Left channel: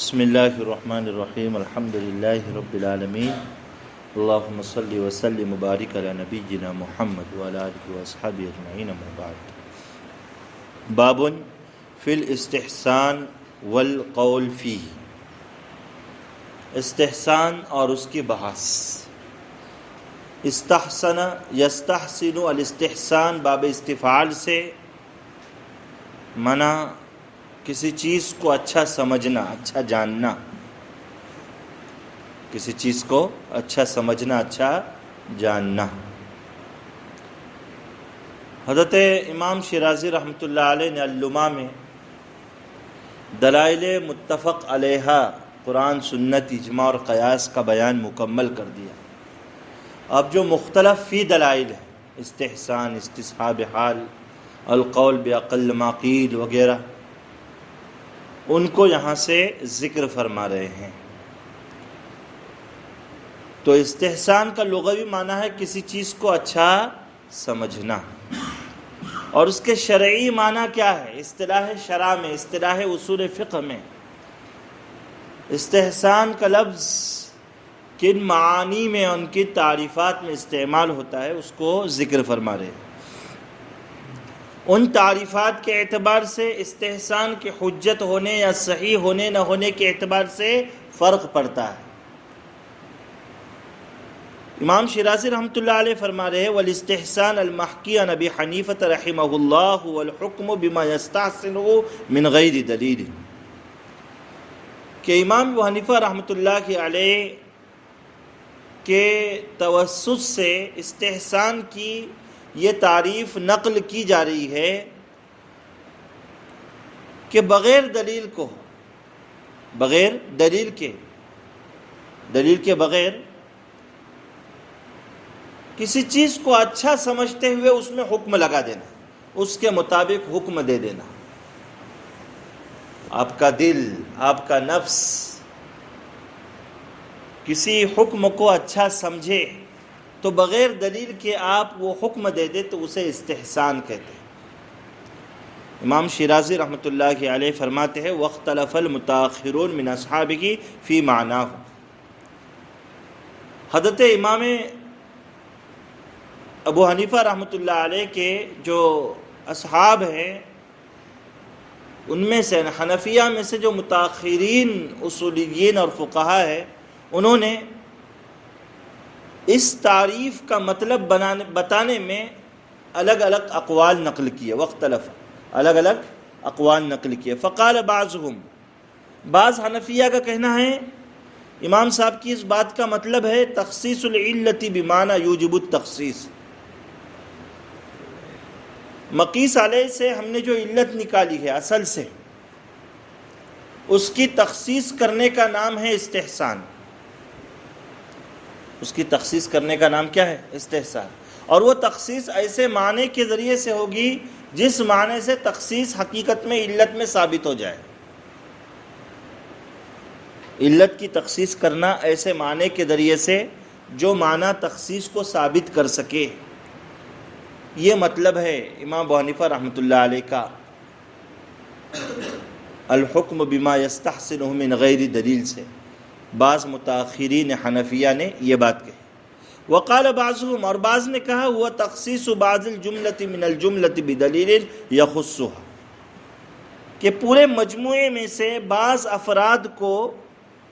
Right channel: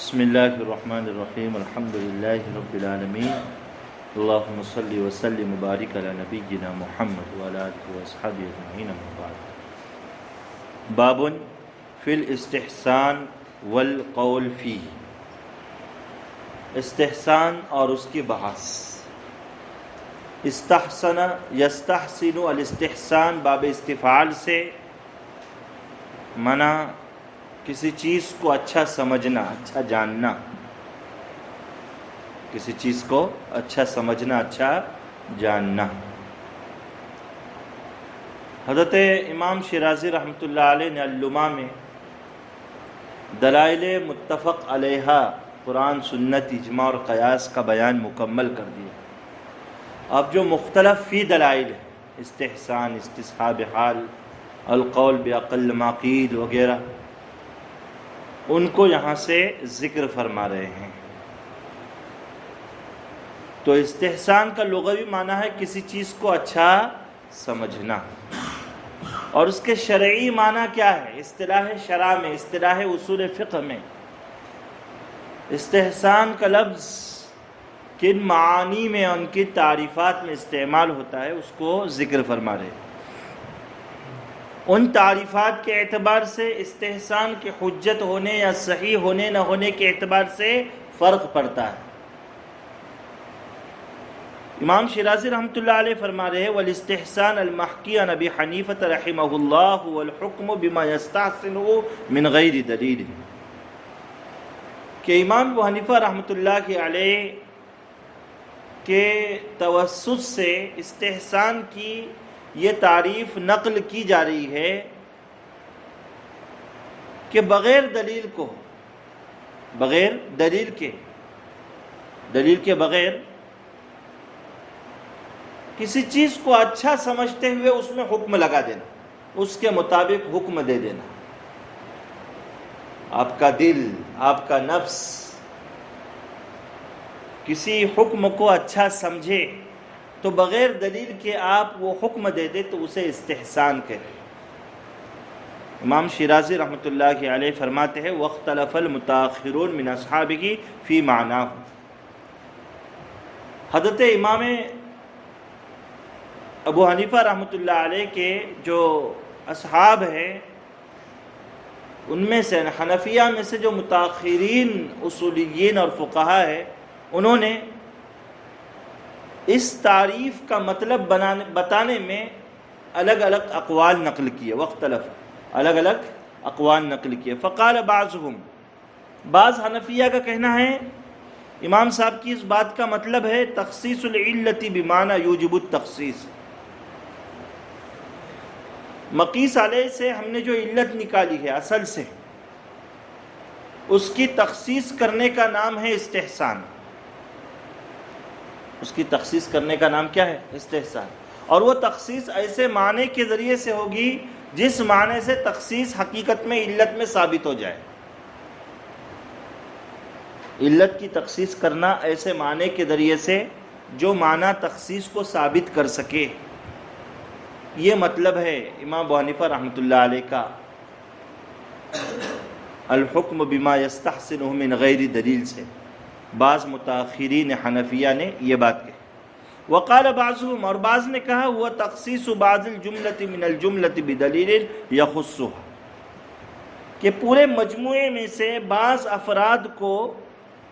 بسم اللہ الرحمن الرحیم الحمد للہ رب العالمین اللہم صلی وسلم مبارک علی نبینا محمد وعلی آلہ واصحابہ اجمعین اما بعد باب فی الاستحسان والقول فیہ، استحسان اور اس کی بحث۔ استحسن یستحسن الاستحسان باب استفعال سے منع کسی چیز کو اچھا سمجھنا، اچھا جاننا، کسی چیز کو اچھا سمجھنا، اچھا جاننا۔ حضرت امام شیرازی رحمۃ اللہ علیہ نے اللمع میں دلائل متفق علیہ قرآن، سنت، اجماع اور قیاس کا بیان مکمل کر دیا۔ اب جو مختلف فی دلائل ہے، استحسان، استصحاب حال، القول باقل ما قیل وغیرہ، ان کو یہاں سے ذکر فرما رہے ہیں۔ تو استحسان کا لغوی معنی ہے کسی چیز کو اچھا سمجھنا، اور اس کے شرعی معنی کیا ہے؟ اصطلاح شرع میں، اصطلاح اصول فقہ میں استحسان کا لفظ کن معانی میں، ان کی تعریفات میں استعمال ہوتا ہے، اس کو ذکر فرما رہے ہیں۔ ان تعریفات کے اعتبار سے استحسان کے حجت ہونے یا صحیح ہونے نہ ہونے کے اعتبار سے فرق پڑتا ہے۔ امام شیرازی رحمۃ اللہ علیہ فرما رہے ہیں والاستحسان المحکی عن ابی حنیفہ رحمہ اللہ والحکم بما یستحسنہ من غیر دلیل، کہ امام ابو حنیفہ رحمۃ اللہ علیہ کے توسط سے استحسان کی یہ تعریف نقل کی جا رہی ہے کہ بغیر دلیل کو، بغیر دلیل کے بغیر کسی چیز کو اچھا سمجھتے ہوئے اس میں حکم لگا دینا، اس کے مطابق حکم دے دینا۔ آپ کا دل، آپ کا نفس کسی حکم کو اچھا سمجھے تو بغیر دلیل کے آپ وہ حکم دے دے تو اسے استحسان کہتے ہیں۔ امام شیرازی رحمۃ اللہ علیہ فرماتے ہیں واختلف المتاخرون من اصحابہ فی معناه، حضرت امام ابو حنیفہ رحمۃ اللہ علیہ کے جو اصحاب ہیں، ان میں سے حنفیہ میں سے جو متاخرین اصولیین اور فقہا ہیں، انہوں نے اس تعریف کا مطلب بتانے میں الگ الگ اقوال نقل کیے، واختلف، الگ الگ اقوال نقل کیے۔ فقال بعضهم، بعض حنفیہ کا کہنا ہے، امام صاحب کی اس بات کا مطلب ہے تخصیص العلت بمعنی یوجب التخصیص، مقیس علیہ سے ہم نے جو علت نکالی ہے اصل سے، اس کی تخصیص کرنے کا نام ہے استحسان۔ اس کی تخصیص کرنے کا نام کیا ہے؟ استحسان۔ اور وہ تخصیص ایسے معنی کے ذریعے سے ہوگی جس معنی سے تخصیص حقیقت میں علت میں ثابت ہو جائے۔ علت کی تخصیص کرنا ایسے معنی کے ذریعے سے جو معنی تخصیص کو ثابت کر سکے، یہ مطلب ہے امام ابو حنیفہ رحمۃ اللہ علیہ کا الحکم بما یستحسنہ من غیر دلیل سے۔ بعض متاخرین حنفیہ نے یہ بات کہی۔ وقال بعضهم، اور بعض نے کہا ہوا تخصیص بعض الجملۃ من الجملۃ بدلیل یخصها، کہ پورے مجموعے میں سے بعض افراد کو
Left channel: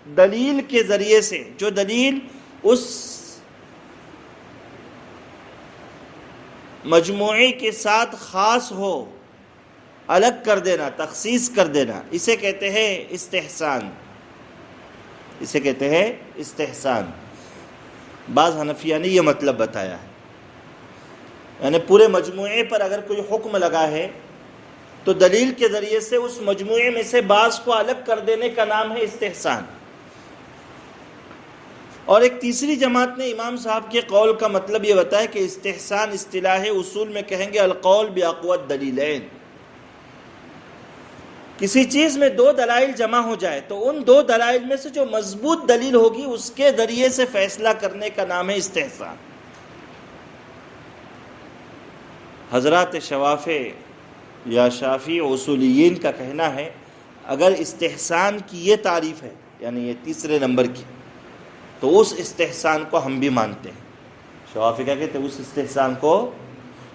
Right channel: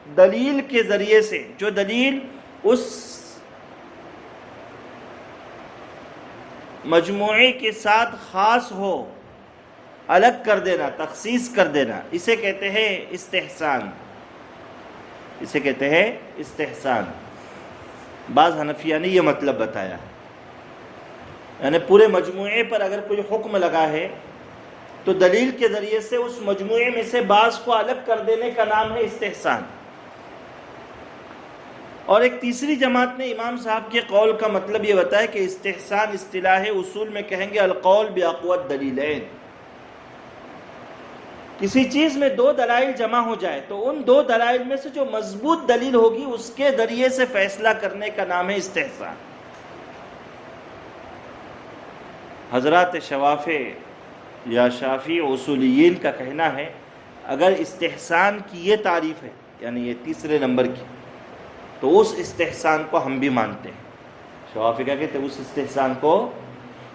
دلیل کے ذریعے سے، جو دلیل اس مجموعے کے ساتھ خاص ہو، الگ کر دینا، تخصیص کر دینا، اسے کہتے ہیں استحسان، اسے کہتے ہیں استحسان۔ بعض حنفیہ نے یہ مطلب بتایا، یعنی پورے مجموعے پر اگر کوئی حکم لگا ہے تو دلیل کے ذریعے سے اس مجموعے میں سے بعض کو الگ کر دینے کا نام ہے استحسان۔ اور ایک تیسری جماعت نے امام صاحب کے قول کا مطلب یہ بتایا کہ استحسان اصطلاح اصول میں کہیں گے القول باقوی الدلیلین، کسی چیز میں دو دلائل جمع ہو جائے تو ان دو دلائل میں سے جو مضبوط دلیل ہوگی اس کے ذریعے سے فیصلہ کرنے کا نام ہے استحسان۔ حضرات شوافع یا شافعی اصولیین کا کہنا ہے اگر استحسان کی یہ تعریف ہے، یعنی یہ تیسرے نمبر کی، تو اس استحسان کو ہم بھی مانتے ہیں۔ شوافی کیا کہتے ہیں؟ اس استحسان کو،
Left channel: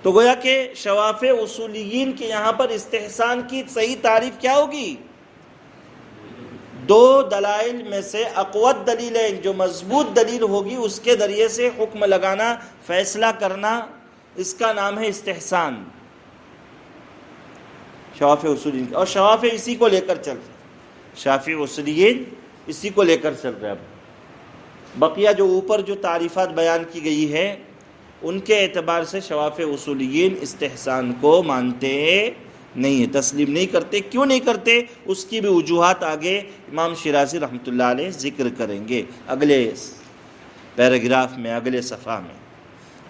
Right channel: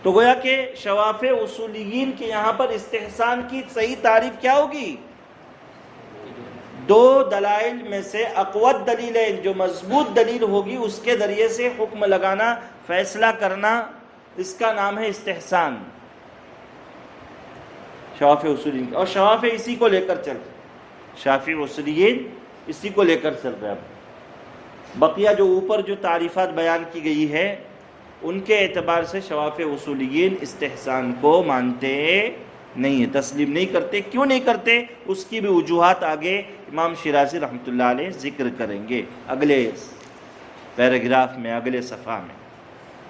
تو گویا کہ شواف اصولیین کے یہاں پر استحسان کی صحیح تعریف کیا ہوگی؟ دو دلائل میں سے اقوت دلیلیں، جو مضبوط دلیل ہوگی اس کے ذریعے سے حکم لگانا، فیصلہ کرنا، اس کا نام ہے استحسان شواف اصولیین۔ اور شواف اسی کو لے کر چل رہے، شافعی اصولیین اسی کو لے کر چل رہے ہیں۔ بقیہ جو اوپر جو تعریفات بیان کی گئی ہے ان کے اعتبار سے شواف اصولیین استحسان کو مانتے نہیں ہیں، تسلیم نہیں کرتے۔ کیوں نہیں کرتے؟ اس کی بھی وجوہات آگے امام شیرازی رحمۃ اللہ علیہ ذکر کریں گے اگلے پیراگراف میں، اگلے صفحہ میں۔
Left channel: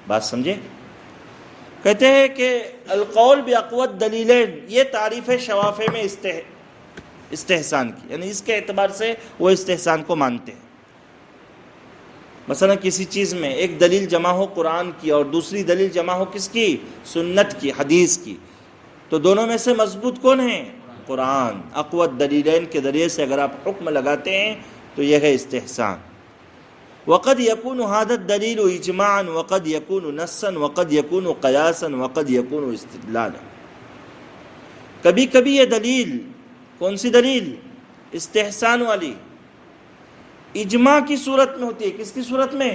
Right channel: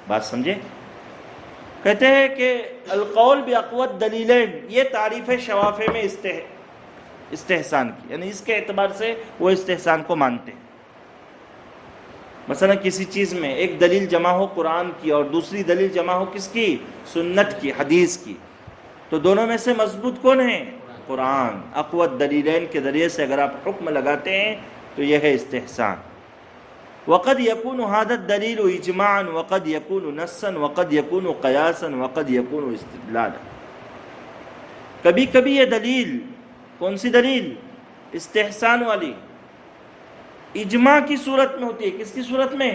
بات سمجھے؟ کہتے ہیں کہ القول باقوت دلیلین، یہ تعریف ہے شواف میں استحسان کی، یعنی اس کے اعتبار سے وہ استحسان کو مانتے ہیں۔ مثلا کسی چیز میں ایک دلیل جمع ہو قرآن کی اور دوسری دلیل جمع ہو کس کی؟ سنت کی، حدیث کی، تو دونوں میں سے مضبوط کون ہے؟ قرآن۔ اقوت دلیلین کے ذریعے سے اگر آپ حکم لگاتے ہیں تو یہ ہے استحسان۔ وقد يكون هذا الدلیل اجماعا وقد يكون نصا وقد يكون قیاسا وقد يكون استدلالا۔ کبھی کبھی یہ دلیل، کون سی دلیل؟ استحسان والی، اجماع کی صورت میں ہوتی ہے۔ کس کی صورت میں؟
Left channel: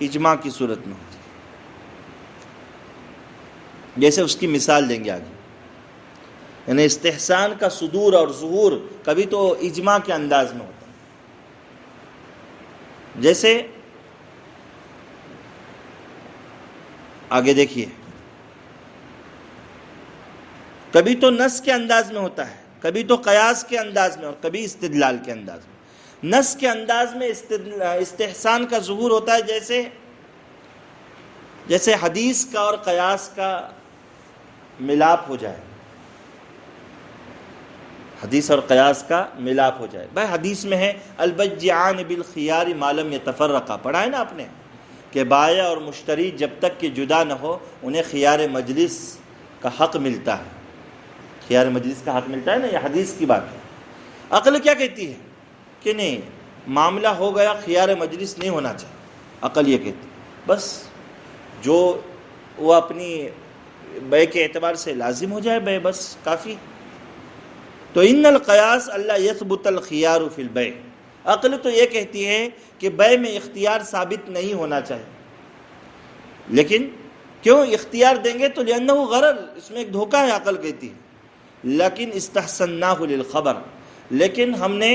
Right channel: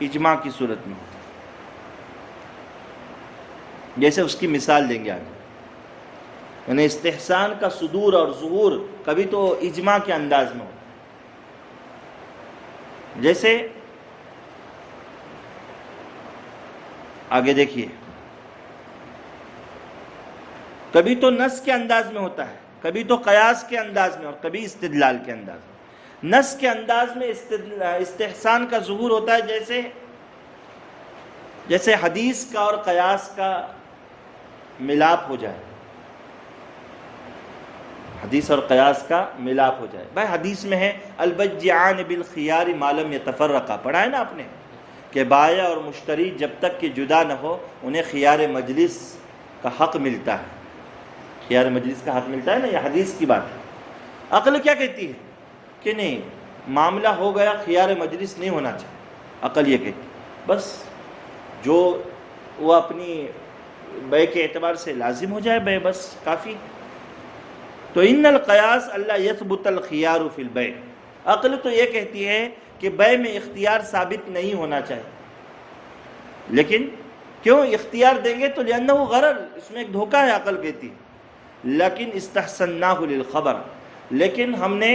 اجماع کی صورت میں ہوتی ہے۔ جیسے اس کی مثال دیں گے آگے، یعنی استحسان کا صدور اور ظہور کبھی تو اجماع کے انداز میں ہوتا ہے۔ جیسے آگے دیکھیے، کبھی تو نص کے انداز میں ہوتا ہے، کبھی تو قیاس کے انداز میں اور کبھی استدلال کے انداز میں۔ نص کے انداز میں استحسان کا ظہور ہوتا ہے، جیسے حدیث کا اور قیاس کا ملاپ ہو جائے، حدیث اور قیاس کا ملاپ ہو جائے۔ بھائی حدیث میں ہے البیعان بالخیار ما لم یتفرقا، پڑھا ہے نا آپ نے کہ بائع اور مشتری جب تک کہ جدا نہ ہو انہیں خیار مجلس کا حق ملتا ہے۔ خیار مجلس کا حق ملتا ہے نا، یہ حدیث کی بات ہے۔ عقل کیا کہتی ہے کہ نہیں، معاملہ ہو گیا، خیار مجلس نہیں ہونا چاہیے۔ عقل یہ کہتی ہے بس جو وہ اپنی بے کے اعتبار سے لازم ہو جائے بے، بس کافی۔ تو ان القیاس اللہ یثبت الخیار فی البیع، عقل تو یہ کہتی ہے کہ بے میں اختیار ثابت نہیں ہونا چاہیے۔ لیکن کیوں اختیار دیں گے؟ تو لأنہ غرر، اس میں ایک دھوکہ ہے، عقل کہتی ہے۔ لیکن استحسناہ للخبر، لیکن ہم نے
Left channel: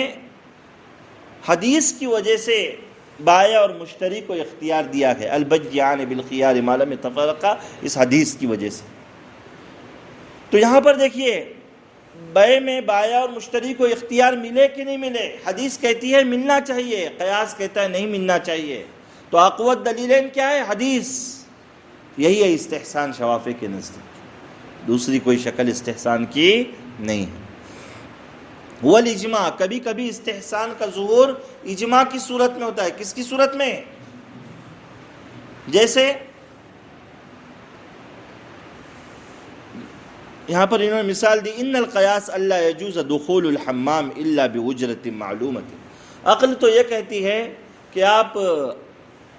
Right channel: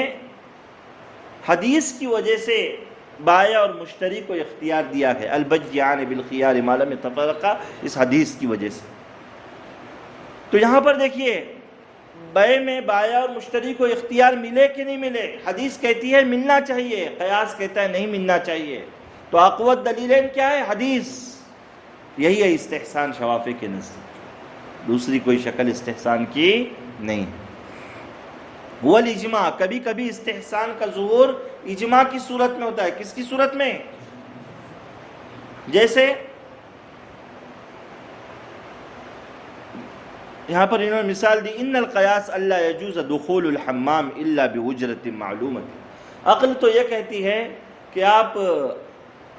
حدیث کی وجہ سے بائع اور مشتری کو اختیار دیا ہے، البیعان بالخیار ما لم یتفرقا، اس حدیث کی وجہ سے۔ تو یہاں پر دیکھیے بیع میں بائع اور مشتری کو اختیار ملے کہ نہیں ملے؟ حدیث کہتی ہے ملنا چاہیے، قیاس کہتا ہے نہیں ملنا چاہیے۔ تو اقوت دلیلین کیا ہے؟ حدیث۔ یہی ہے استحسان شوافی کے نزدیک، دوسری کوئی شکل استحسان کی نہیں۔ والاجماع، کبھی کبھی استحسان کا ظہور اجماع کی صورت میں ہوتا ہے۔ کس کی صورت میں؟ جیسے یہاں پر انہوں نے مثال دی، ان القیاس اللہ یجوز دخول الحمام الا باجرۃ معلومۃ۔ عقل تو یہ کہتی ہے کہ آپ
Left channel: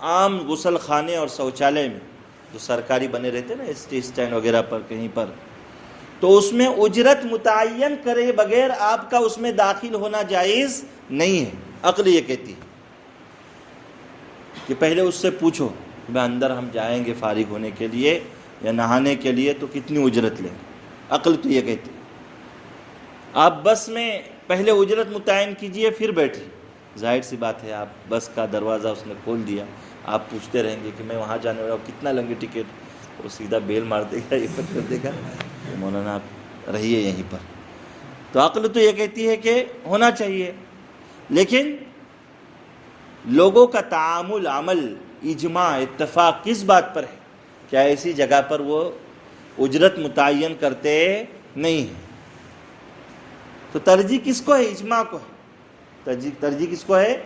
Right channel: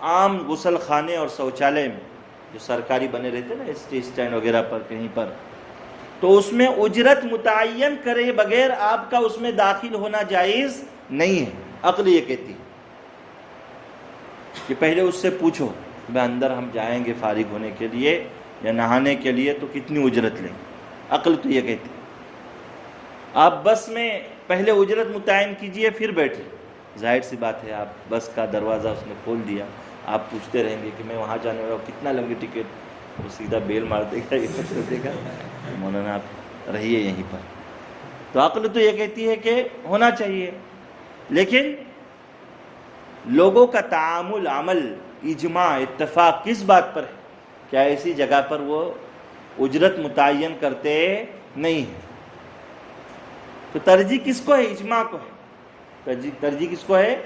عام غسل خانے اور شوچالے میں جو سرکاری بنے رہتے ہیں نا، اسٹینڈ وغیرہ پر کہیں پر، تو اس میں اجرت متعین کرے بغیر آپ کا اس میں داخل ہونا جائز نہیں ہے۔ عقل یہ کہتی ہے کہ پہلے اس سے پوچھو کہ اندر ہم جائیں گے فارغ ہونے کے لیے یا نہانے کے لیے تو کتنی اجرت لیں۔ عقل تو یہ کہتی ہے آپ بس میں پہلے اجرت متعین کیجئے پھر بیٹھیں۔ ظاہر سی بات ہے، آپ بس کا دروازہ اس نے کھول دیا، آپ پوچھتے رہیں گے کہ میں وہاں جانے والا ہوں، کتنا لیں گے ٹکٹ؟ وہ سیدھا بیل مار دے گا، یہ کر دے گا، مولانا آپ رہیے یہیں پر۔ تو عقل تو یہ کہتی ہے کہ ہونا چاہیے، لیکن لوگوں کا تعامل، عمل، اجماع، اتفاق کس بات پر ہے؟ کیا ایسی جگہ پر وہ اجرت متعین کرتے نہیں ہیں۔ تو ترجیح کس کو ہے؟ اجماع کو ہے۔ ترجیح کس کو ہے؟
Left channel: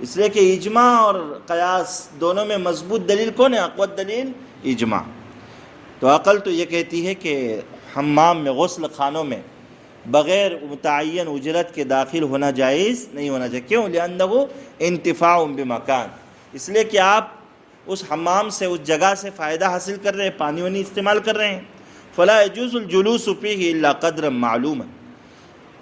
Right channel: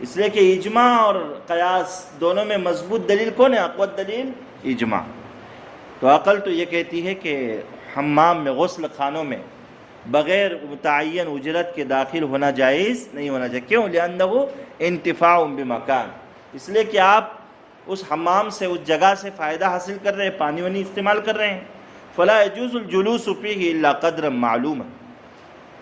اس لیے کہ اجماع اور قیاس دونوں میں مضبوط دلیل کون ہے؟ اقوت دلیل اجماع۔ تو عقل تو یہ کہتی ہے کہ حمام میں، غسل خانوں میں بغیر متعین اجرت کے داخل ہونا جائز نہیں ہونا چاہیے. کیوں؟ لأنہ انتفاع بمکان، اس لیے کہ آپ اس حمام سے، اس جگہ سے فائدہ حاصل کر رہے ہیں، پانی وانی استعمال کر رہے ہیں. فلا يجوز الجلوس فيه الا قدرا معلوما،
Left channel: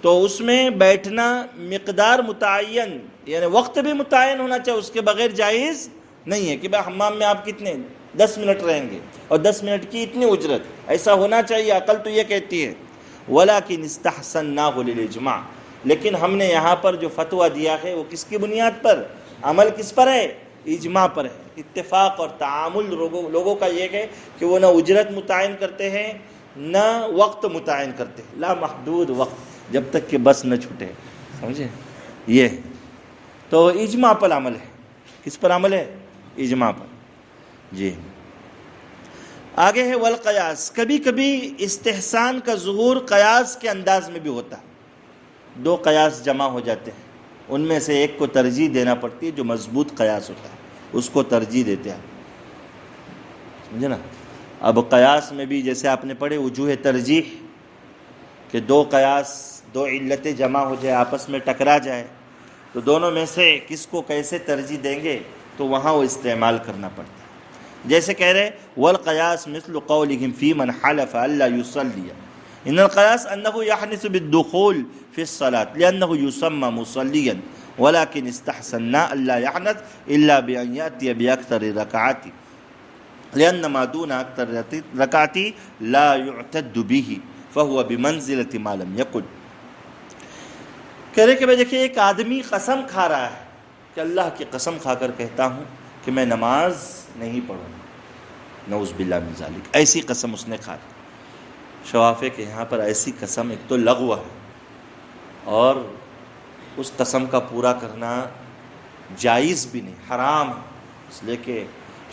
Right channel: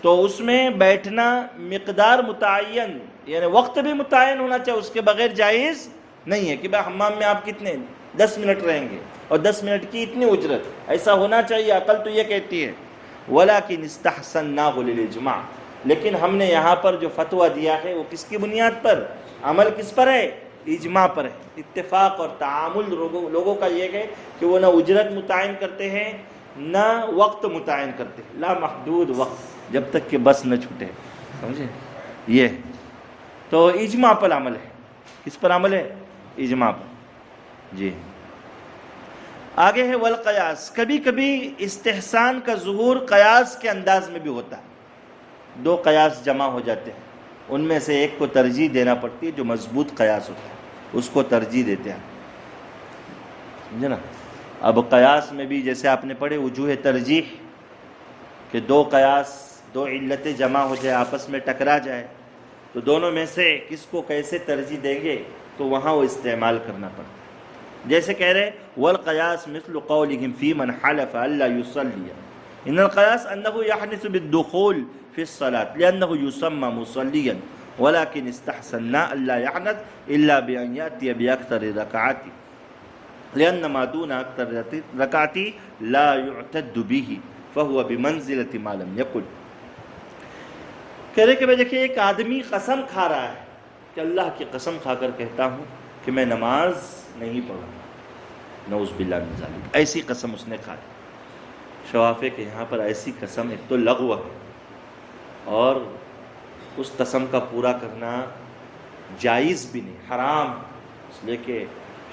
تو اس میں بیٹھنا مقدار متعین، یعنی وقت بھی متعین ہونا چاہیے، اس کے بغیر جائز نہیں ہے کہ بھائی حمام میں آپ کتنے 10 منٹ رہیں گے اور 10 منٹ کی اتنی اجرت، ایسا ہونا چاہیے. عقل تو یہ کہتی ہے. ولیکن استحسناہ للاجماع، لیکن ہم نے یہاں پر جو فتویٰ دیا ہے وہ کس کی بنیاد پر؟ عمل کس پر ہے؟ اجماع پر ہے. اتفاق اور تعامل لوگوں کا یہ ہے کہ وہ نہ اجرت متعین کرتے ہیں نہ وقت متعین کرتے ہیں. لا محدود وقت، جب تک کہ بس نہ چھوٹے. سمجھے؟ یہ ہے. تو اجماع پر عمل ہے. کس پر عمل ہے؟ اجماع پر. جی آگے ہے والقیاس. کبھی کبھی استحسان کا ظہور قیاس کے انداز میں بھی ہوتا ہے. دو قیاس جمع ہو جاتے ہیں، ان میں سے ایک کو ترجیح دینا پڑتی ہے، جو مضبوط قیاس ہوتا ہے اس کو ترجیح دیتے ہیں. سمجھے نا؟ اب قیاس میں بھی جیسے آپ نے پڑھے وجوہ ترجیح، کہ دو قیاس، دو علتیں جمع ہو جائے، آپس میں ٹکرا جائے، تو دونوں میں سے کس کو کیسے ترجیح دیں گے تو وہاں وہ استعمال کرنا پڑتا ہے. جیسے کہہ رہے والقیاس مثل قولهم فی من حلف الا یصلی ان القیاس انه یحنث بالدخول فی الصلاة لانه یسمى مصلیا ولكن استحسنا الا يحنث الا بان یأتی باکثر رکعات لان ما دون اکثر رکعات لا يعتد به فهو بمنزلة ما لم يقل. کہہ رہے کہ بھئی دیکھیں ایک آدمی قسم کھا رہا ہے کہ اللہ کی قسم کھا کر کہتا ہوں کہ میں نماز نہیں پڑھوں، نعوذ باللہ من ذالک، ایسی قسم اس نے کھا لی. شواف ہے کہ یہاں پر ایسی قسم ایک تو لغو ہے، اور اس قسم کا پورا کرنا جائز بھی نہیں، حرام ہے. اس لیے کہ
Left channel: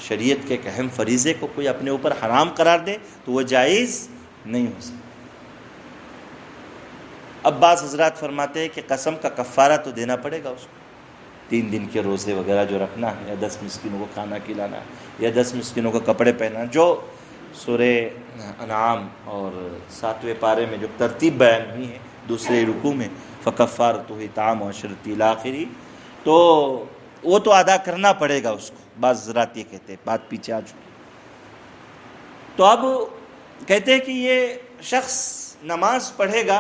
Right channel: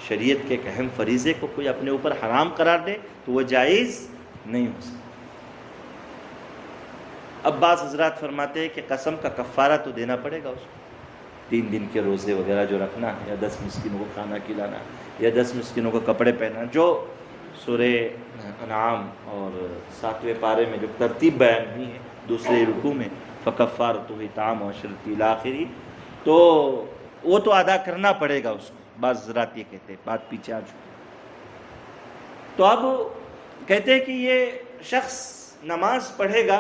شریعت کے ایک اہم فریضے کو کوئی اپنے اوپر حرام قرار دے تو وہ جائز نہیں ہو سکتا. اب بعض حضرات فرماتے ہیں کہ قسم کا کفارہ تو دینا پڑے گا اس کو، 3 دن کے روزے وغیرہ جو رکھنا ہے، یا 10 مسکینوں کو کھانا کھلانا، یا 10 مسکینوں کو کپڑے پہننا، جو سورہ انعام اور 7ویں پارے میں جو ترتیب بیان ہوئی ہے دوسرے رکوع میں، فکفارتہ اطعام 10 الی آخری، تو وہ تو ادا کرنا پڑے گا اس کو. بعض حضرات یہ کہتے ہیں، بات پیچھے آ چکی. تو اب کہتے ہیں کہ یہ شخص نماز پڑھے گا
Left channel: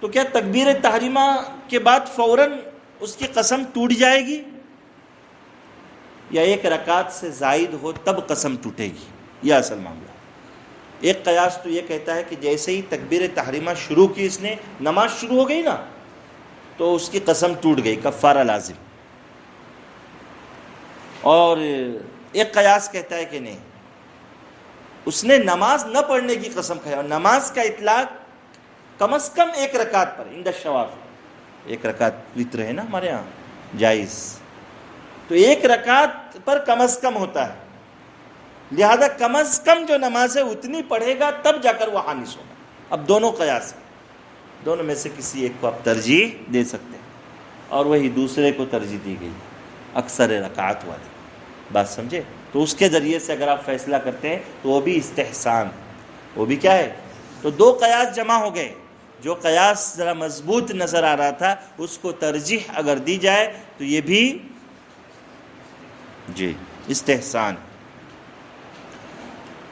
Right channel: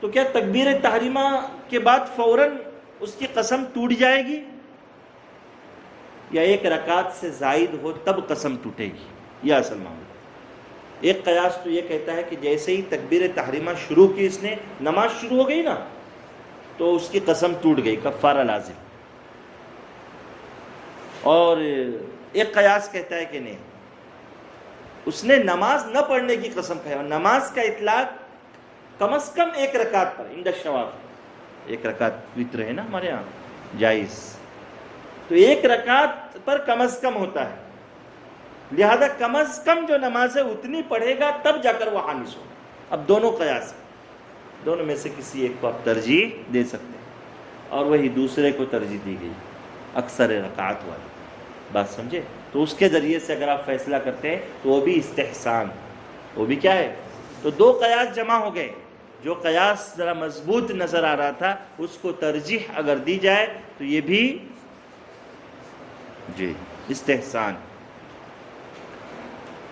تو کیا تکبیر تحریمہ کے بعد فوراً اس کی قسم ٹوٹ جائے گی، یا 1 رکعت سے زائد ہو تب قسم ٹوٹے گی؟ یہ اصل معاملہ. ایک قیاس تو یہ کہتا ہے کہ جیسے ہی تکبیر تحریمہ شروع کی، اس نے نماز شروع ہو گئی نا، تو اس کی قسم ٹوٹ گئی، کفارہ لازم. اور ایک قیاس کہتا ہے کہ نہیں، اس نے نماز نہ پڑھنے کی قسم کھائی، اور نماز کا اطلاق کم از کم 1 رکعت پر عند الشواف. 1 رکعت وتر ہے نا ہمارے ہاں جائز، تو 1 رکعت پر کم از کم ہوتا ہے، لہذا کم از کم جو نماز ہے اتنی پڑھے گا تب جا کر وہ حانث ہوگا. اب دونوں قیاس ہیں، دونوں میں سے کسی ایک کو آپ ترجیح دے سکتے ہیں، اور وہی دوسرے کو ترجیح دی گئی اکثر رکعت والی. بات سمجھے؟ تو اس کے ذریعے سے اگر آپ فیصلہ کرتے ہیں تو وہ بھی استحسان، وہ بھی کیا ہے؟ تو 2 قیاس جمع ہو گئے. جو قیاس ذرا مضبوط نظر آ رہا تھا اس کو ترجیح اگر دی جائے تو یہ بھی جی استحسان.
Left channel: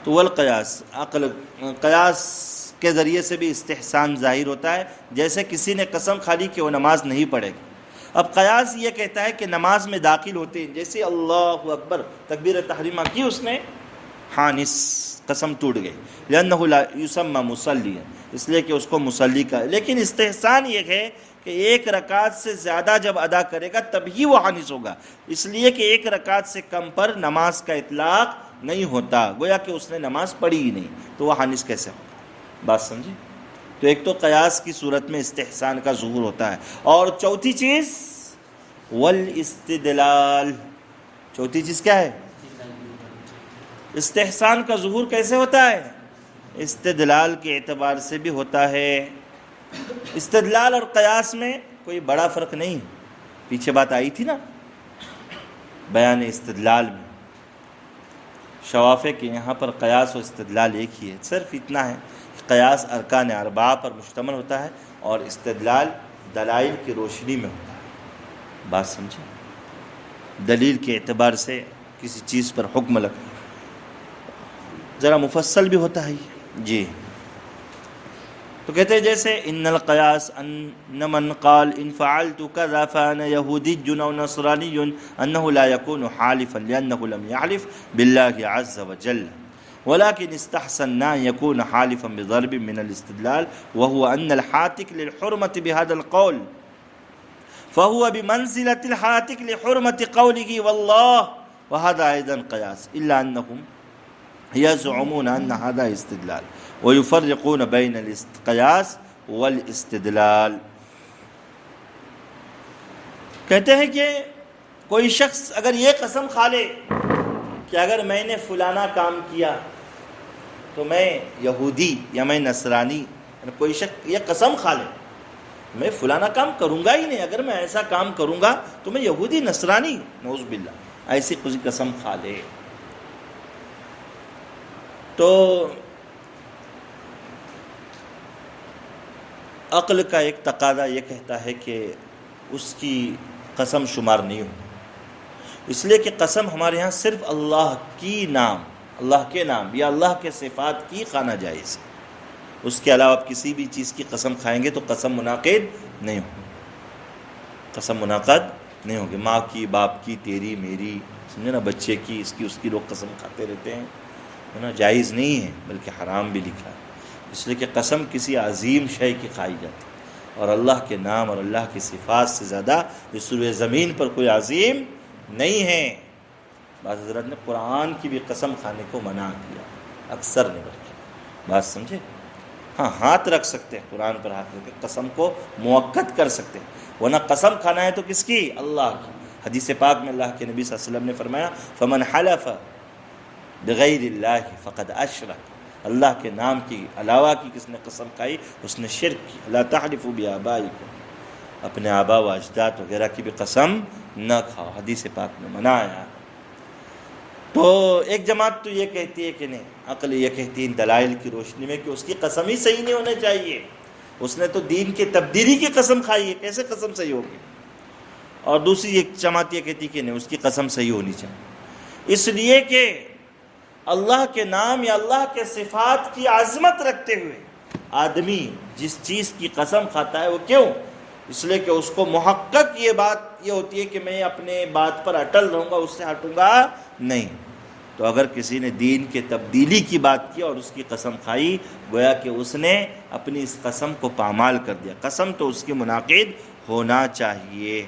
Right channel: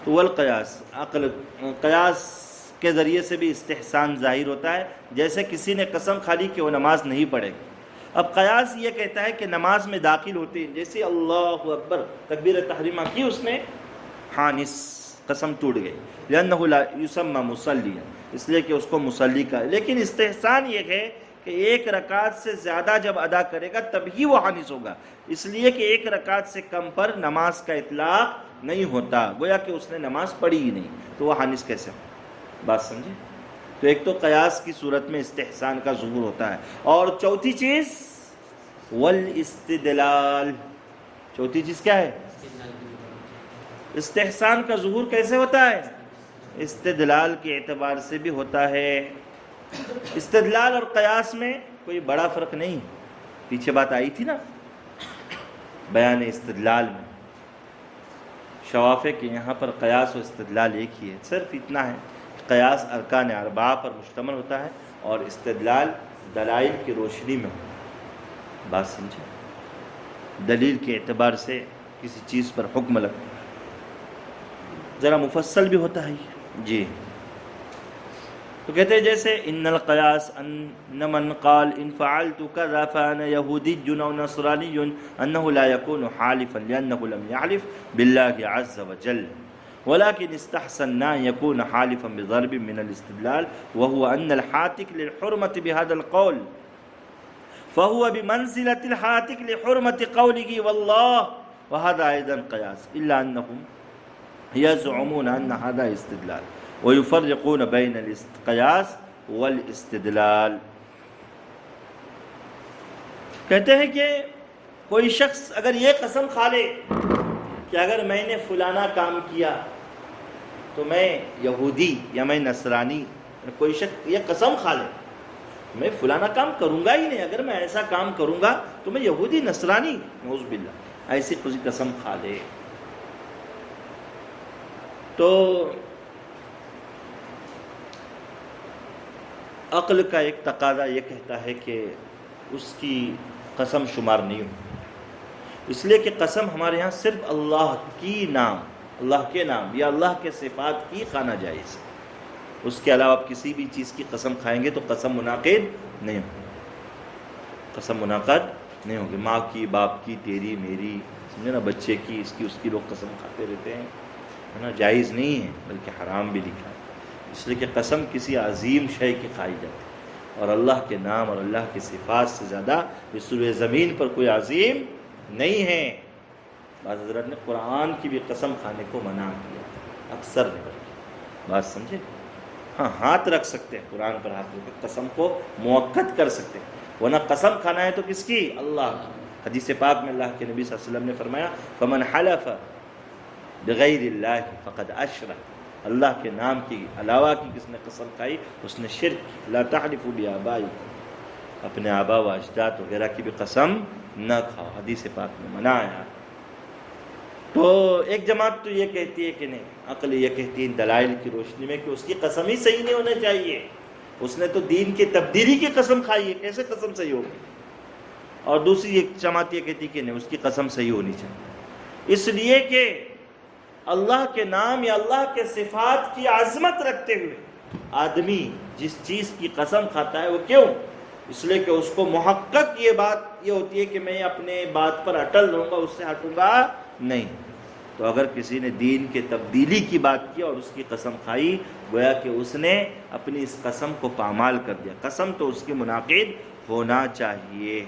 تو والقیاس، قیاس کے ذریعے سے بھی استحسان ظاہر ہوتا ہے. جیسے کسی نے قسم کھا لی کہ وہ نماز نہیں پڑھے گا، اب قیاس یہ کہتا ہے کہ نماز میں داخل ہوتے ہیں جیسے اللہ اکبر تکبیر تحریمہ کی اس نے، حانث، قسم ٹوٹ گئی. لأنہ لا یسمى مصلیا، اس لیے کہ اس کو مصلی کا ہے. لیکن استحسان یہ ہے کہ 1 رکعت سے زیادہ جب ادا کرے گا تب ہی وہ حانث ہوگا، اس لیے کہ 1 رکعت سے کم پر نماز کا اطلاق نہیں ہوتا، گویا کہ اس نے نماز پڑھی ہی نہیں، تو وہ حانث کیسے ہوگا؟ بات سمجھے؟ تو ایک تو قیاس کی صورت میں استحسان کا ظہور ہوتا ہے، اور چوتھی چیز والاستدلال. چوتھی چیز کیا ہے؟ استحسان کا ظہور کیسے ہوتا ہے؟ استدلال کے اعتبار سے بھی ہوتا ہے. استدلال اور قیاس میں کوئی بڑا فرق نہیں، پیچھے بات آئی تھی نا بیان استدلال میں. شواف ہے کہ یہاں پر قیاس و استدلال ایک ہی ہے، صرف اتنا ہے کہ قیاس ارکان 4 پر مشتمل ہوتا ہے اور استدلال دلائل کی روشنی میں ہوتا ہے. بات سمجھے؟ دلیل کے اعتبار سے کسی چیز پر حکم لگا ذرا مفصل بھی ہوتا ہے. جی تو کہتے ہیں جیسے ان القیاس ان من قال ان فعلت كذا فانا يهودي او نصراني انه لا يكون حالفا لانه لم يحلف بالله عز وجل ولكن استحسن ان يكون حالفا بضرب من الاستدلال وهو ان الحاتك للحرمة بهذا القول فهو بمنزلة الحاتك لحرمة قوله والله وهذا ايضا قياس الا انهم يزعمون ان هذا استدلال ويفرقون بين القياس والاستدلال. کہتے ہیں کہ کوئی شخص اگر یہ قسم کھا لے کہ اگر میں نے فلانا کام کیا تو میں یہودی یا میں نصرانی، کوئی شخص یہ قسم کھا لے میں فلانا کام کروں گا ہی نہیں، اگر میں ایسا کام کروں گا تو میں یہودی نصرانی، نعوذ باللہ، ایسی کوئی قسم کھا لے تو عقل کا ایک تقاضا یہ کہتا ہے کہ اس کی قسم شمار نہیں ہو، اس لیے کہ قسم ہمارے ہاں صرف اللہ کی نام، اللہ کے نام یا اللہ کے صفات کی خانہ جائز ہے. اس کے علاوہ آپ کسی بھی چیز کی قسم کھائیں گے تو قسم منعقد نہیں ہوگی، قسم منعقد نہیں ہوگی. ماں کی، باپ کی، تیری، میری، سمجھے نا، بچے کی، اس کی لوگ قسم کھاتے رہتے ہیں، ہے نا، جائز نہیں ہے بلکہ حرام بھی لکھا ہے. اس لیے کہ قسم کسی عظیم شے کی کھائی جاتی ہے، اور اللہ کے نام اور اللہ کی صفات سے زیادہ اس روئے زمین پر کوئی عظیم نہیں ہے. بعض حضرات نے قرآن کی بھی قسم کھانے کو منع کیا، اکثر نے بلکہ. بات سمجھے؟ ہاں، ہاتھ رکھ سکتے ہیں، قرآن پر ہاتھ رکھ کے قسم کو مؤکد کر سکتے ہیں، ورنہ قسم کھانا ہے تو کس کی؟ اللہ کی. حدیث پاک میں اللہ کے نبی صلی اللہ علیہ وسلم نے فرمایا فمن حلف بغیر اللہ فقد اشرک، اللہ کے نام کی علاوہ کی کس نے قسم کھائی اس نے شرک کی. لا تحلفوا بآبائکم، اپنے آبا و اجداد وغیرہ کی بھی قسم نہ کھاؤ، حدیث پاک میں منع آیا. تو ایک جماعت تو یہ کہتی ہے کہ نہیں، عقل یہ کہتی ہے دلائل کی روشنی میں کہ اس کی قسم ہی صحیح نہیں ہونا چاہیے، اس نے تو دین کی تبدیلی کی قسم کھائی ہے، کیسے قسم صحیح ہوگی. اور دوسری ایک جماعت یہ کہتی کہ نہیں، اس کی قسم صحیح ہونی چاہیے، اس لیے کہ اللہ کے نام یا اللہ کے صفات کی عظمت رکھتے ہوئے آدمی جس چیز کی قسم کھاتا ہے وہ کیوں؟ اس لیے کہ اس کو محقق یہ بات یہ ہوتی ہے کہ میں اپنے بات پر اٹل رہوں گا، اس سے ہٹوں گا نہیں. تو اگر کسی نے دین کے تبدیلی کی بات کی اور اس کی قسم کھائی، گویا کہ اس نے اپنی اس قسم کو پامال کر دیا. قسم تو اس کی منعقد ہونا چاہیے.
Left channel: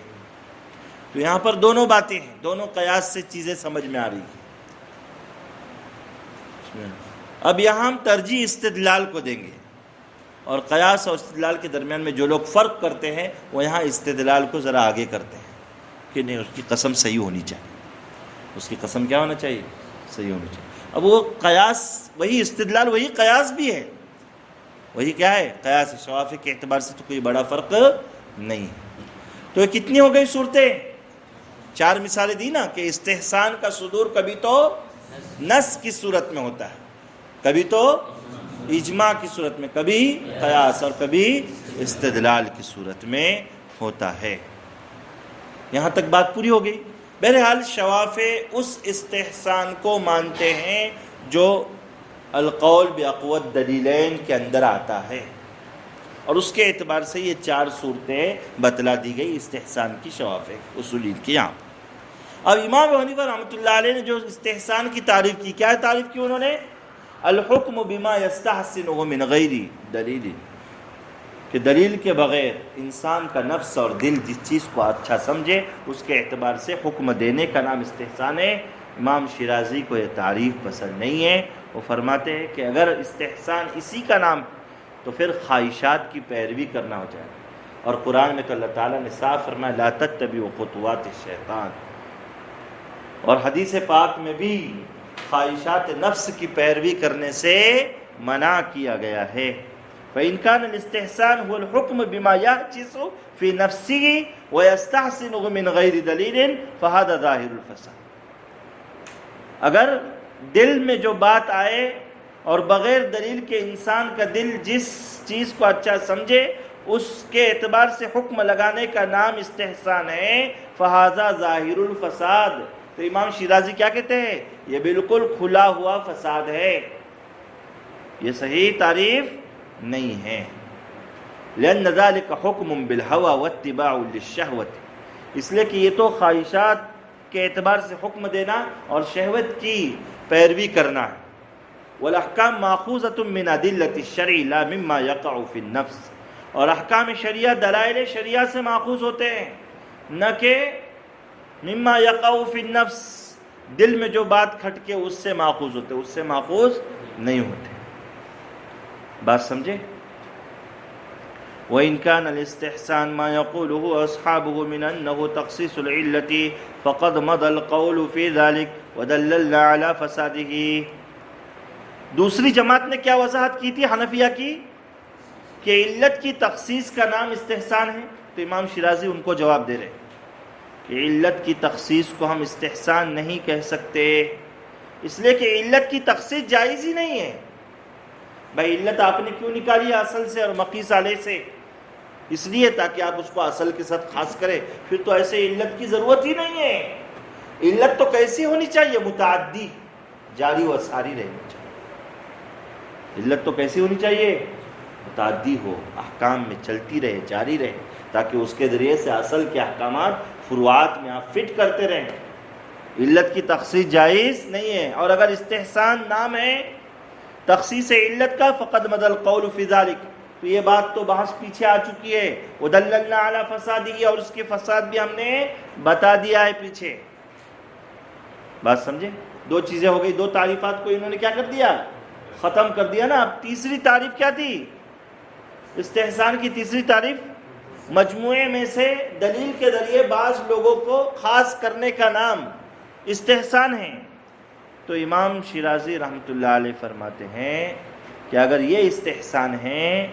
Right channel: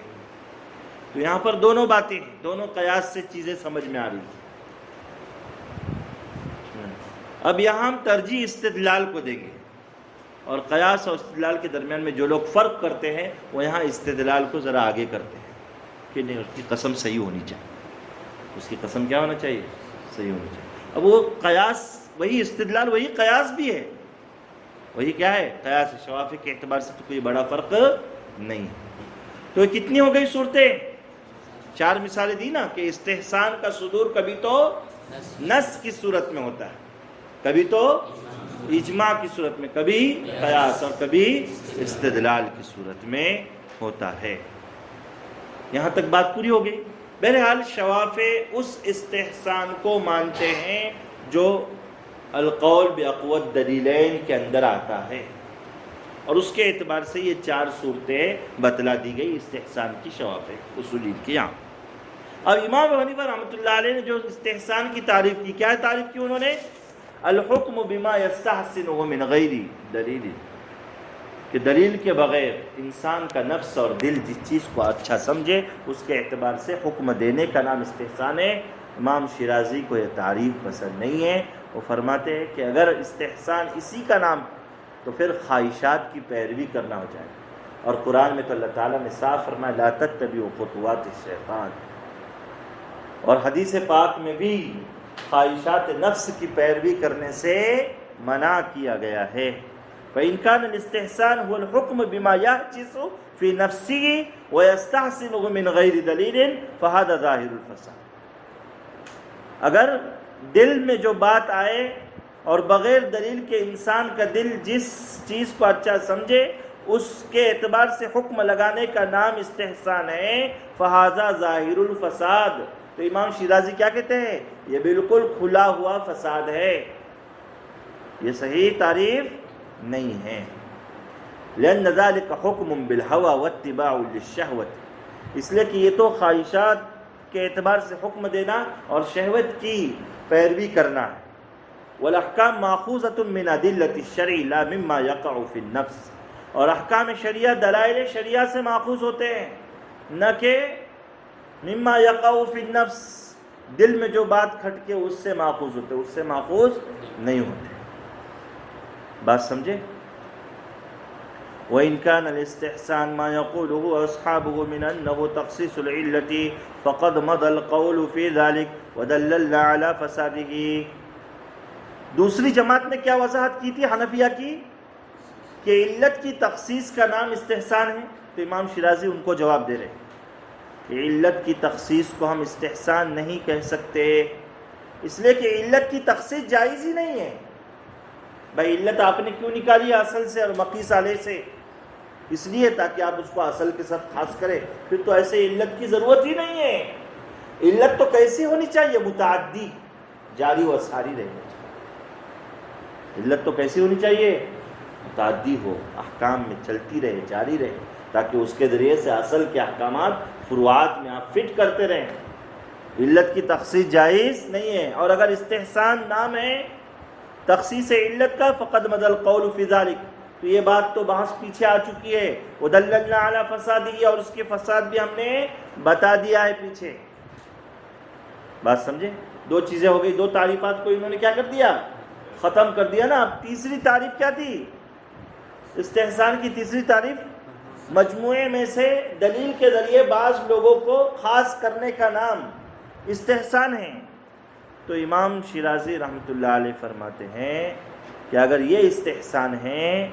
تو یہاں پر دونوں باتیں ہیں، دونوں قیاس سے چیزیں سمجھ میں آ رہی ہیں. اب یہاں ہم ترجیح استدلال کو دیں گے، اور قیاس اور استدلال کے درمیان میں جو لوگ فرق کرتے ہیں وہ یہاں استدلال کو ذرا آگے کرتے ہیں کہ نہیں، اس کی قسم صحیح ہونی چاہیے، اس کی قسم کیا ہونا چاہیے؟ صحیح ہونی چاہیے. اب وہ قیاس وہی استدلال وہی قیاس بھی ہے، وہی کیا ہے؟ قیاس. شوافی کے اعتبار سے تو کوئی بڑا فرق نہیں ہے. تو یہ کتنی ہو گئی صورتیں؟ 4 مثالیں دی نا، کہ استحسان کا صدور کبھی تو نص کی صورت میں ہوتا ہے، کبھی تو اجماع کی صورت میں، کبھی قیاس، اور کبھی استدلال کی صورت میں ہوتا ہے. یہاں تک بات پوری ہو گئی. بہرحال شوافع اس استحسان کو مانتے ہیں جو القول باقوت دلیلین کے اندر آتا ہے، اور اس کے اعتبار سے یہ 4 صورتیں بتلا دی گئی استحسان کی شوافع اصولین کی. یہاں اب امام ابو حنیفہ رحمۃ اللہ علیہ نے جو استحسان کی تعریف کی، کیا تعریف کی انہوں نے؟ الحکم بما یستحسنہ من غیر دلیل، کہ دلیل کے بغیر انسان کا نفس اور دل جس چیز کو اچھا سمجھے اس کے اعتبار سے حکم دینے کا نام استحسان ہے. امام شیرازی کو یہ تعریف پسند نہیں ہے. وہ فرماتے ہیں کہ اگر استحسان اسی کا نام تو پھر خواہشات کی پیروی کرنا ہو جائے، اور قرآن میں تو اللہ تعالیٰ نے صاف فرمایا لا تتبعوا خطوات الشیطان، اور حدیث پاک میں بھی خواہشات نفس کی پیروی کرنے سے منع کیا گیا ہے. فإن كان الاستحسان هو الحكم بما يعجز في نفسه ويستحسنه من غير دليل فهذا ظاهر الفساد. اگر دل میں جو بات آئے اور بغیر دلیل کے انسان کا دل جس چیز کو اچھا سمجھے اس کے اعتبار سے حکم لگانے کا نام استحسان ہے، فہذا ظاہر الفساد، تو امام شیرازی کیا کہتے ہیں؟ یہ بالکل کھلا ہوا فساد ہے، یہ صحیح تعریف نہیں ہے۔ لأن ذلك حکم بالہوى واتباع للشہوۃ، اس لیے کہ یہ تو خواہشات کے اعتبار سے حکم دینا اور شہوت کی پیروی کرنا ہے۔ والاحکام ماخوذۃ من ادلۃ الشرع لا مما یقع فی النفس، اور احکام شریعہ دلائل شریعہ سے ماخوذ ہوتے ہیں، نہ کہ مما یقع فی النفس، دل میں جو بات کھٹ کے اس سے ماخوذ ہوتے، اس سے ماخوذ نہیں ہوتے۔ بات سمجھے؟ وإن كان الاستحسان ما يقوله أصحابه من أنه تخصيص العلة فقد مضى القول في ذلك ودللنا على فساده، دوسری جماعت نے کیا وضاحت کی تھی حنفیہ کی، کہ علت کی تخصیص کا نام استحسان ہے، تو امام شیرازی ان کو جواب دے رہے کہ علت کی تخصیص کو ہم استحسان نہیں کہہ سکتے، اس لیے کہ علت کی تخصیص جائز ہی نہیں ہے۔ بھائی علت آپ نے کیوں نکالی اصل سے اور مقیس علیہ سے؟ اس لیے تاکہ آپ اس کو اصل کے ساتھ خاص کریں، پھر تو ایسے علت کی ضرورت ہی نہیں ہے۔ علت تو کیسی ہونی چاہیے؟ متعدی، جاری و ساری رہنی چاہیے۔ علت تو کیسی ہونی چاہیے؟ متعدی ہو، احکام میں چلتی رہے، جاری رہے، تاکہ اس کے ذریعے سے اصل کے احکامات فروعات میں آپ فٹ کرتے رہیں۔ علت کی تخصیص جائز نہیں ہے، اور اگر استحسان نام ہے تخصیص علت کا، فقد مضى القول فی ذلک، تو یہ بات تو بحث پیچھے آ چکی ہے، ودللنا علی فسادہ، اور اس کے فساد بھی ہم نے بتا دیا ہے پیچھے۔ بات سمجھے؟ دو چیزیں ہو گئی، دو تعریفات کو انہوں نے کیا کر دیا؟ ختم کر دیا نا۔ اب تیسری تعریف کیا تھی؟ استحسان کی تیسری تعریف مجموعے میں سے دلیل کے ذریعے بعض لوگوں کو خاص کرنے کا نام استحسان ہے۔ تو امام شیرازی رحمۃ اللہ علیہ فرماتے ہیں کہ اگر یہ استحسان ہے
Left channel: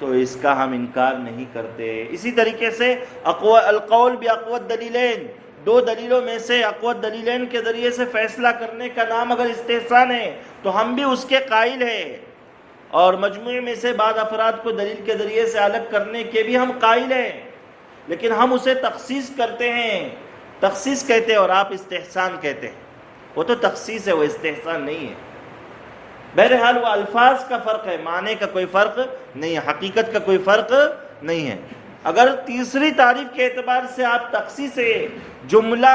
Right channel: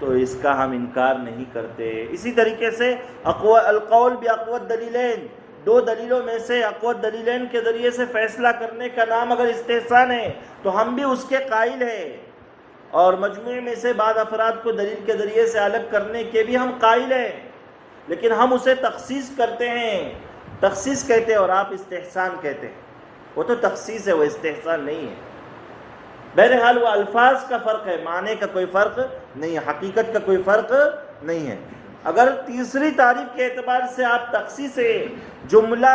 تو اس کا ہم انکار نہیں کرتے۔ اسی طریقے سے القول باقوت دلیلین، دو دلیلوں میں سے اقوت دلیلین کے ذریعے سے فیصلہ کرنے کا نام اگر استحسان ہے تو ہم بھی اس کے قائل ہیں، اور مجموعے میں سے بعض افراد کو دلیل کے ذریعے سے الگ کرنے کے بھی ہم قائل ہیں، لیکن ہم اسے تخصیص کرتے ہیں، تخصیص کہتے ہیں، اور آپ استحسان کہتے ہیں۔ وہ تو تخصیص ہے، وہ استحسان نہیں ہے۔ بہرحال وہ الفاظ کا فرق ہے، معنی کا کوئی فرق نہیں ہے، حقیقت کا کوئی فرق نہیں ہے۔ اگر تیسری تعریف کے اعتبار سے آپ تخصیص جملہ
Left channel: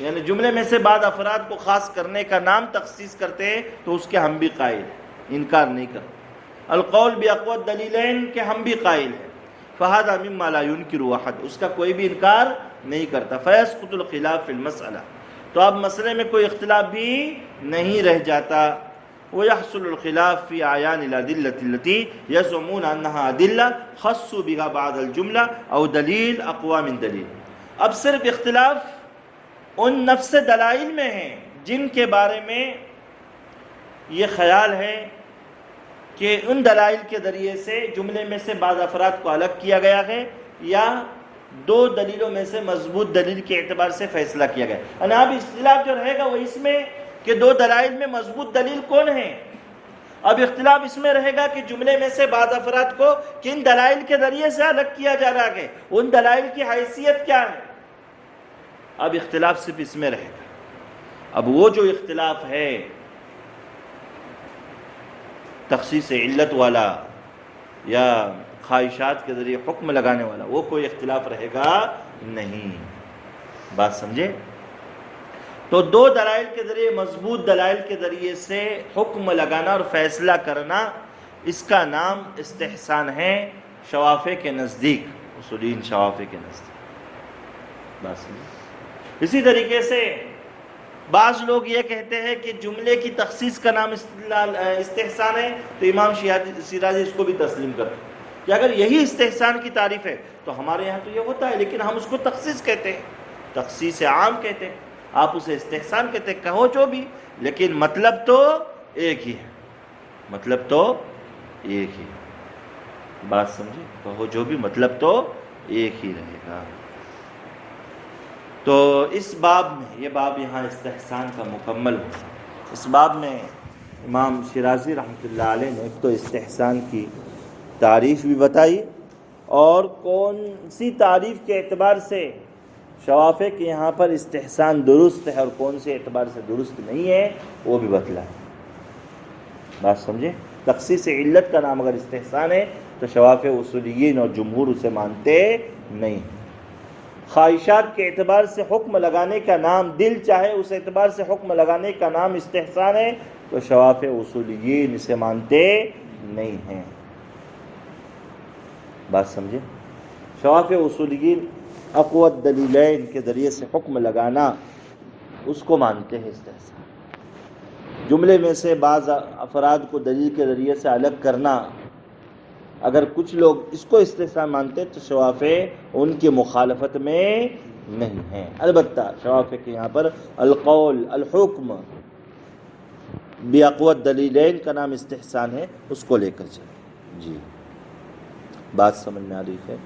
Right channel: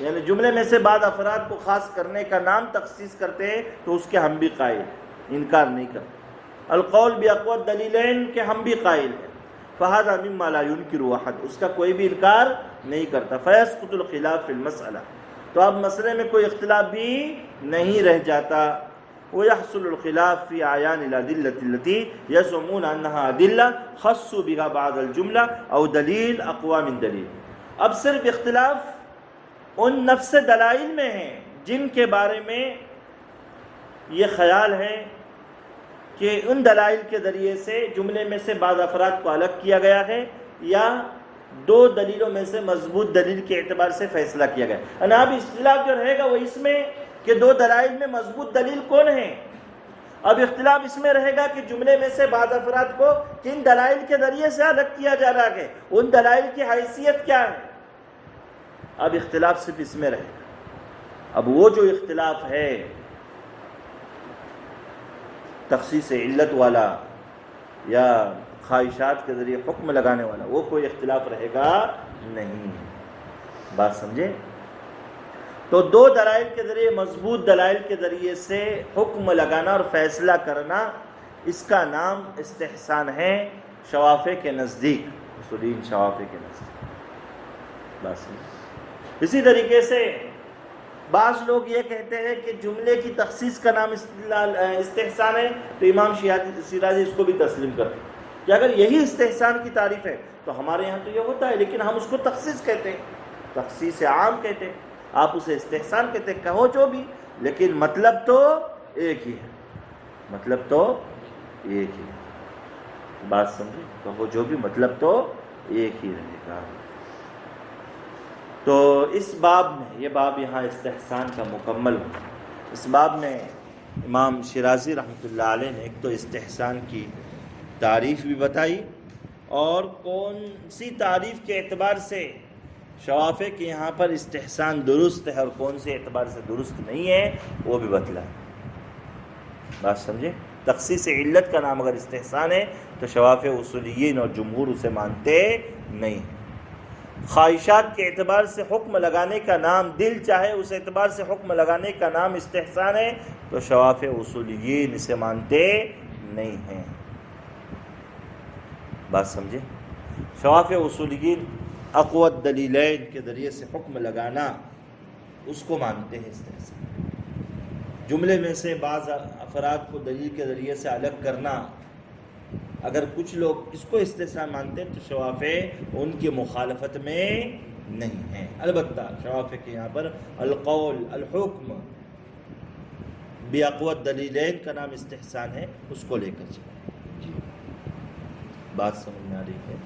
یعنی جملے میں سے بعض افراد کو خاص کرنے کا نام تخصیص کرتے ہیں تو اس کے ہم بھی قائل، انکار نہیں کرتے۔ القول باقوت دلیلین کے ہم بھی قائل ہیں، فہذا مما لا ينکر احد، اس کا کوئی بھی انکار نہیں کرتا۔ فیسقط الخلاف فی المسئلہ، تو اب مسئلے میں کوئی اختلاف بھی نہیں رہ جاتا۔ ويحصل الخلاف في أعيان الأدلة التي يزعمون أنها أدلة خصوا بها بعض الجملة أو دلیل أقوى من دلیل، اب صرف اختلاف ان نفس دلائل میں ہے جن کے بارے میں یہ خیال ہے کہ ان دلائل کے ذریعے سے جملے میں سے بعض افراد کو الگ کیا گیا ہے، یا دو دلیلوں میں سے مضبوط دلیل کے اعتبار سے فیصلہ کیا گیا ہے۔ اب اختلاف جو رہے گا وہ اس میں کہ دو دلائل میں مضبوط دلیل کون ہے۔ اب اختلاف اس میں رہے گا کہ جملے میں سے بعض افراد کو کن دلائل کے ذریعے سے الگ کیا جا رہا ہے، ان دلائل کی حیثیت کیا ہے۔ اب اختلاف صرف اس میں رہے گا۔ اب وہ جو اختلاف ہے تخصیص علت والا یا خواہشات کے ذریعے حکم لگانے والا، وہ کوئی اختلاف رہے گا نہیں۔ بات سمجھے؟ تو دو دلائل کے ذریعے، مضبوط دلائل کے ذریعے سے حکم لگانا اور فیصلہ کرنا، اس کا نام استحسان ہے شوافع کے نزدیک، اصولین شوافع کے نزدیک۔ بات سمجھے؟ اسی طریقے سے بعض لوگ یہ کہتے ہیں کہ جملے کی تخصیص کا نام استحسان ہے، تو امام شیرازی اس کو بھی تسلیم کرتے ہیں کہ اگر یہی استحسان کی تعریف ہے تو ہمارے یہاں تو یہ ہوتا ہے، لیکن ہم اس کو تخصیص کہتے ہیں، تخصیص عام کہتے ہیں، آپ اسے استحسان کہتے ہیں، کہو جو بھی، لیکن مطلب تو ایک ہی ہے، مطلب تو ایک ہی ہے۔ بات سمجھے؟ کہو جو بھی، مطلب تو ایک ہی رہے گا۔ تو اس باب میں، یہ باب یہاں استحسان کا مکمل ہو، اس باب میں امام شیرازی رحمۃ اللہ علیہ نے ایک تو استحسان کی تعریف بھی بتائی، اور کون سی تعریف کے اعتبار سے شوافع کے یہاں پر استحسان درست ہے اور کون سے اعتبار سے درست نہیں ہے وہ بھی بتلایا۔ بات سمجھے؟ تخصیص علت کا نام اگر استحسان ہے تو شوافع اصولیین اور جمہور اسے مانتے نہیں ہیں۔ خواہشات کے اعتبار سے حکم لگانے کا نام، دل چاہے اس اعتبار سے حکم لگانے کا نام استحسان ہے تو شوافع اصولیین اسے مانتے نہیں ہیں۔ بات سمجھے؟ شوافع اصولیین اقوت دلیلین کے ذریعے سے حکم لگانا اس کو مانتے ہیں استحسان۔ جملے میں سے بعض افراد کو دلیل کے ذریعے سے الگ کرنا، اگر کچھ لوگ اس کو استحسان مانتے تو شوافع ان کی مخالفت میں نہیں ہیں۔ البتہ شوافع کے یہاں پر القول الحکم باقوت دلیلین کا نام استحسان ہے، اس کو لے کر چلیں۔ جی بات سمجھ میں آ رہی ہے؟